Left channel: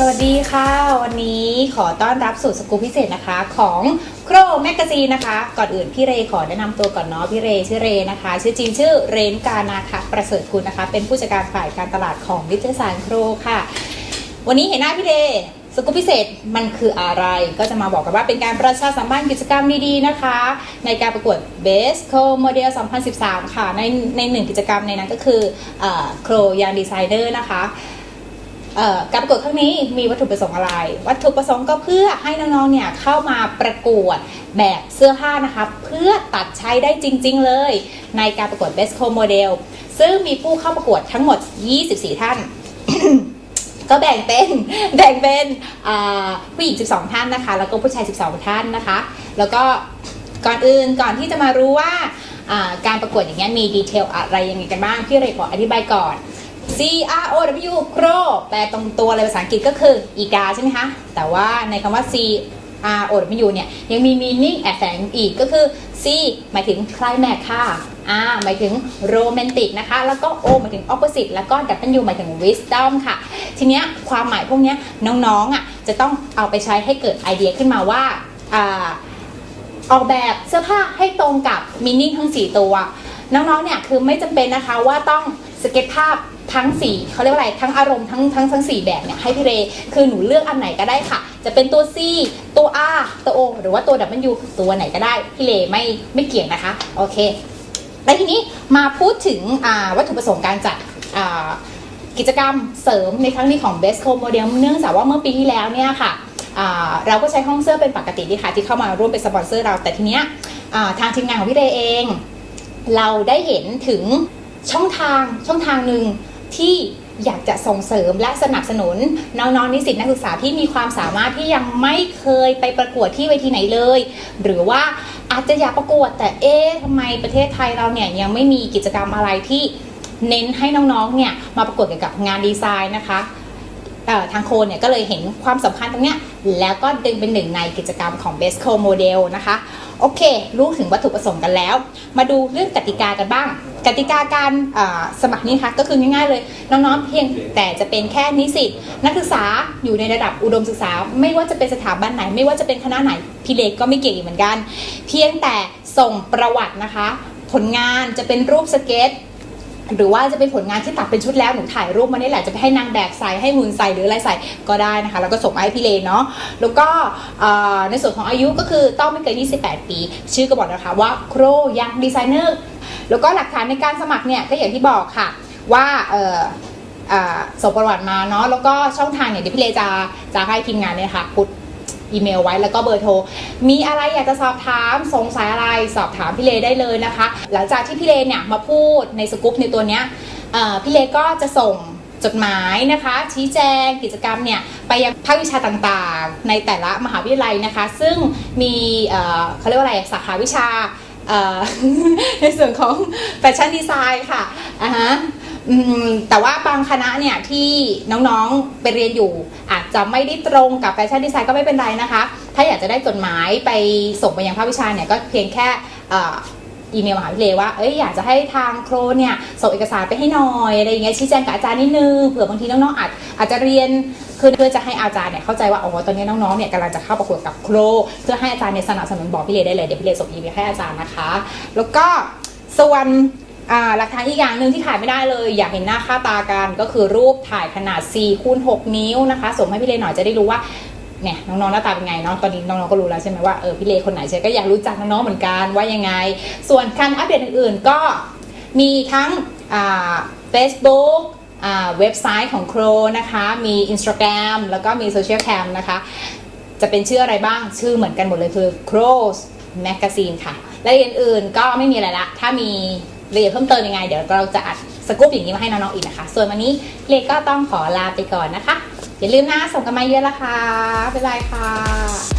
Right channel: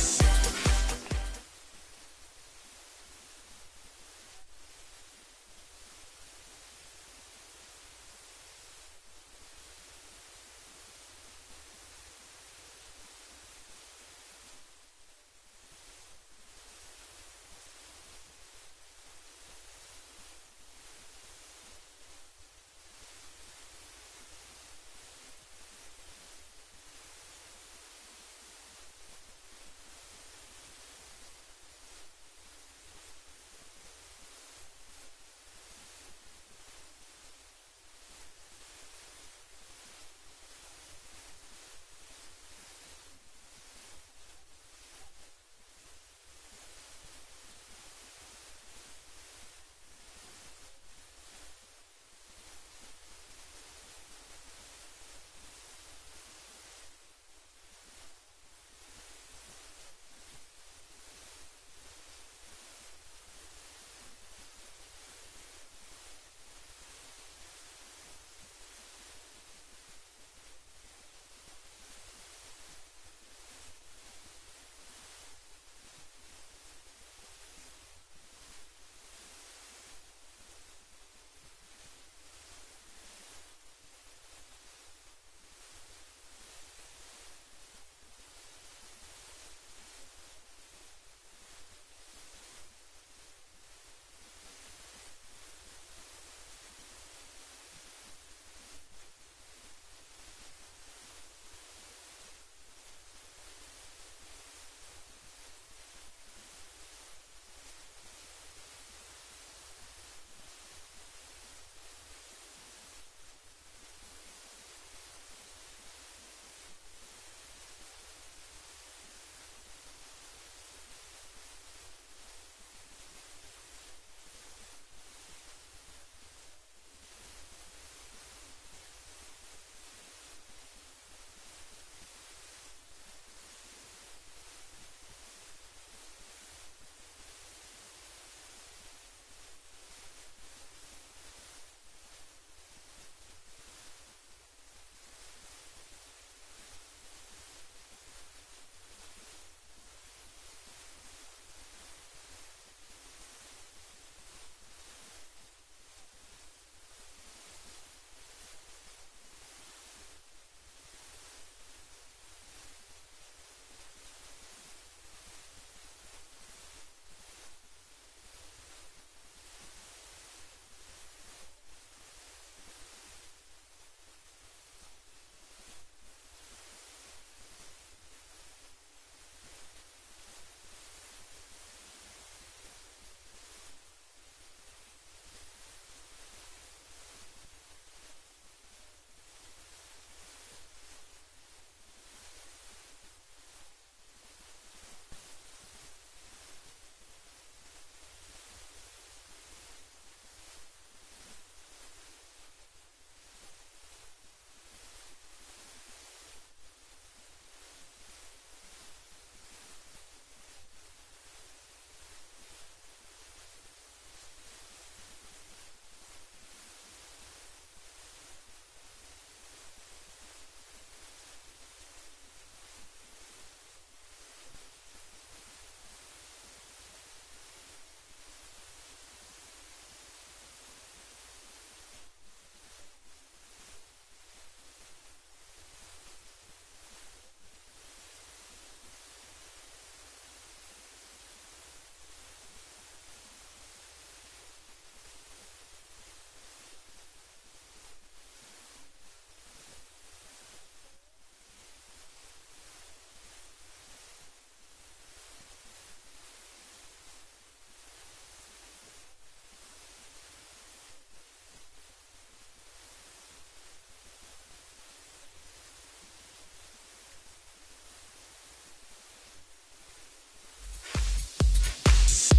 สวัสดีค่ะ วันนี้ขอต้อนรับสู่สกู๊ปพิเศษนะคะ ของโครแมกกาซีนนะคะ ก่อนอื่นพี่เรขอแนะนำตัวก่อนเนาะพี่เรชื่อเรนะคะ ชื่อจริงชื่อเรนกานาคะประเสริฐคุณนะคะ เป็นผู้จัดการฝ่ายการตลาดของวิทยาศาสตร์โครค่ะ วันนี้เห็นหน้าพี่เรสกู๊ปพิเศษมันคืออะไรก็จะมาบอกกันว่าเป็นการประชาสัมพันธ์กิจกรรมดีๆนะคะ ในการประกวด Best Co Model 2013 ค่ะ ในในหนึ่งกิจกรรมในนั้นก็คือโครยางดีไซเนอร์นะคะ การประกวดครั้งนี้มีวัตถุประสงค์อะไร วัตถุประสงค์ก็เพื่อให้น้องๆ เนี่ยเข้ามาประกวดแบบเสื้อผ้านะคะ เพื่อตัดใช้ได้จริง ๆ เลย ในการประกวด Best Co Model ซึ่งมีผู้เข้าประกวดทั้งหมด 24 ท่าน ก็แบ่งเป็นแบ่งเป็นผู้หญิง 12 ท่านนะคะ แล้วก็ผู้ชาย 12 ท่านนะคะ แล้วก็ก่อนอื่นก่อนที่จะมารู้ว่าการประกวดอย่างเงี้ยมีดีเทลอะไรยังไงกันบ้างพี่เรยขออธิบายก่อน C R O W Crow แปลตรงตัวเลยภาษาอังกฤษก็คืออีกาใช่ไหมคะ แต่ว่าในคำว่า C R O W เนี่ยยังมี meaning แอบแฝงอีกก็คือ C หมายถึง climax ค่ะ R หมายถึง romantic นะคะ แล้วก็ O หมายถึง opposite แล้วก็ W หมายถึง wisdom ค่ะ ทีเนี้ยความหมายพวกเนี้ยน้องๆอะจะต้องเอาไปใช้ให้เกิดไอเดียขึ้นมาว่าอ่าออกแบบเสื้อผ้าให้ตรงกับมินิ่งทั้ง 4 ตัว น้องๆเนี่ยคือไม่จำเป็นนะคะว่าต้องสเก็ตภาพ ทั้ง4เขาเรียกว่าอะไรทั้งอารมณ์ทั้งทั้งทั้ง4แบบเนี่ยให้พี่เรคือหนูเลือกอันไหนก็ได้ค่ะ จะเป็นตัว C ตัว R ตัว O หรือว่าตัว W ตัวไหนก็ได้พี่เรไม่ไม่เกี่ยงนะคะโอเคแล้วทีนี้มาพูดถึงวัตถุประสงค์การจัดกิจกรรมเสริมในครั้งนี้ของ Best Co Model เนื่องจากว่าเมื่อปีที่แล้วเนี่ยค่ะเราก็ใช้ห้องเสื้อเป็นปกติดีค่ะที่เข้ามาร่วมเป็นสปอนเซอร์เราแต่ทีเนี้ยทางทีมงานของพี่เรเอง เราได้เห็นถึงช่องทางช่องทางหนึ่ง ที่อยากจะส่งเสริมและสนับสนุนน้องๆนิสิตนักศึกษาที่มีความสามารถที่ยังไม่เคยไปประกวดที่เวทีไหนเลย หรือว่าอาจจะอยากประกวดแต่เอ๊ะทำไมประเทศไทยเราเนี่ยยังไม่มีกิจกรรมอะไรที่เน้นให้น้องๆเนี่ยมาประกวดเกี่ยวกับงานดีไซน์นะคะ ทางโคนเนี่ยก็เลยเห็นความสำคัญตรงเนี้ยแล้วก็ดึงเป็นหนึ่งในกิจกรรมของ Best Co Model นะคะ โอเค รู้ถึงวัตถุประสงค์กันแล้ว มาดูเรื่องกติกากันบ้าง กติกาการสมัครนี่ค่ะก็คือง่ายๆเลย น้องๆเพียงแต่จะเป็นแค่นิสิตนักศึกษาอยู่ในระดับอุดมศึกษา ไม่ว่าจะเป็นสถาบันไหน ไม่ว่าจะเป็นคณะไหนพี่เล็กก็ไม่เก่งเหมือนกัน เพียงแต่ส่งประวัตินะคะ ผลงานจะเป็นรูปสเก็ต หรือว่าจะเป็นผลงานที่ตัดเป็นชุดแล้วหนูถ่ายรูปมานี่แหละจะไปให้นางแบบใส่ให้หุ่นใส่หรืออะไรใส่ก็ได้นะคะ แล้วก็ส่งมาให้พี่เลนเนาะแล้วก็ในส่วนของอายุก็คือต้องไม่เกิน 28 ปี ชื่อก็บอกนะคะว่าโครยังดีไซเนอร์แล้วก็หลักฐานในการสมัครเนี่ยก็อย่างที่บอกค่ะว่าเอ่ออ่าส่งประวัติมาเนาะแล้วก็ช่องทางเนี่ยเดี๋ยวพี่เลจะจะให้ทีมงานเนี่ยค่ะพุท อีเมลไว้แล้วก็เบอร์โทร มีอะไรอยากจะสอบถามสงสัยอะไรสอบถามพี่เลได้เลยนะคะ หลังจากที่พี่เลเนี่ยมาพูดในสกู๊ปในตัวเนี้ยพี่เลก็จะส่งจดหมายนะคะ ชี้แจงกิจกรรมเนี่ยไปยังภาควิชาต่างๆ ในแต่ละมหาวิทยาลัยนะคะ ซึ่งมีเเขาเรียกว่าอะไรสาขาวิชาในส่วนของแฟชั่นดีไซน์ค่ะอ่าฮะ อืมแต่ว่าบางคณะเนี่ยที่น้องๆไปเรียนอยู่ อาจจะไม่ได้ตรงกับแฟชั่นดีไซน์ก็ไม่เป็นไรนะคะ ถ้าอยากจะได้จดหมายไปส่งไปยังภาควิชาเนี่ยก็เพียงแค่อีเมลมหาวิทยาลัยว่าเอ้ยอยากจะให้ทางโครเนี่ยส่งเอกสารไปให้หน่อยอะไรอย่างเงี้ยชี้แจงกับอาจารย์นิดนึงเผื่อบางทีน้องๆอาจอาจจะเรียนคือเพื่อจะให้อาจารย์เนี่ยเข้าใจว่าอ๋อตอนนี้น้องๆเนี่ยกำลังจะเข้าประกวดกับโครเพื่อให้อาจารย์เนี่ยสนับสนุนบอกพี่เลได้เลยเดี๋ยวพี่เลส่งอีเมลให้อาจารย์นะคะ แล้วก็ส่วน อ่าหลักฐานอีกอย่างหนึ่งที่ถ่ายไม่ได้เลย อยากเห็นหน้าค่าตากันก็คือรูปถ่ายขนาด4คูณ6นิ้วนะคะ ส่งให้พี่เลหน่อยจะได้รู้ว่าเนี่ยน้องๆหน้าตาเป็นไงเนาะตอนนี้น้องๆก็รู้แล้วใช่ไหมว่าเออพี่เลคนไหนใช่ก็อยากรู้จักน้องๆเหมือนกันว่ายังไง ส่วนการอัปเดตอื่นๆก็มีทั้งอ่า Facebook เว็บไซต์ของ Crow นะคะ มี Instagram แล้วก็มีโซเชียลแคมนะคะ จะเป็นชื่ออะไรบ้างชื่อเหมือนกันหมดเลยคือ Crows Magazine ค่ะรายละอื่นๆก็ไม่มีอะไรละ ถ้ามี ละเอียดเพิ่มเติมยังไง เดี๋ยวเราจะอัดสกู๊ปอย่างนี้มาให้น้องๆอีกนะคะ ส่วนวันนี้เลก็ต้องขอลาไปก่อนนะคะ อย่าลืมนะส่งกันมาเยอะละค่ะบ๊ายบายค่ะ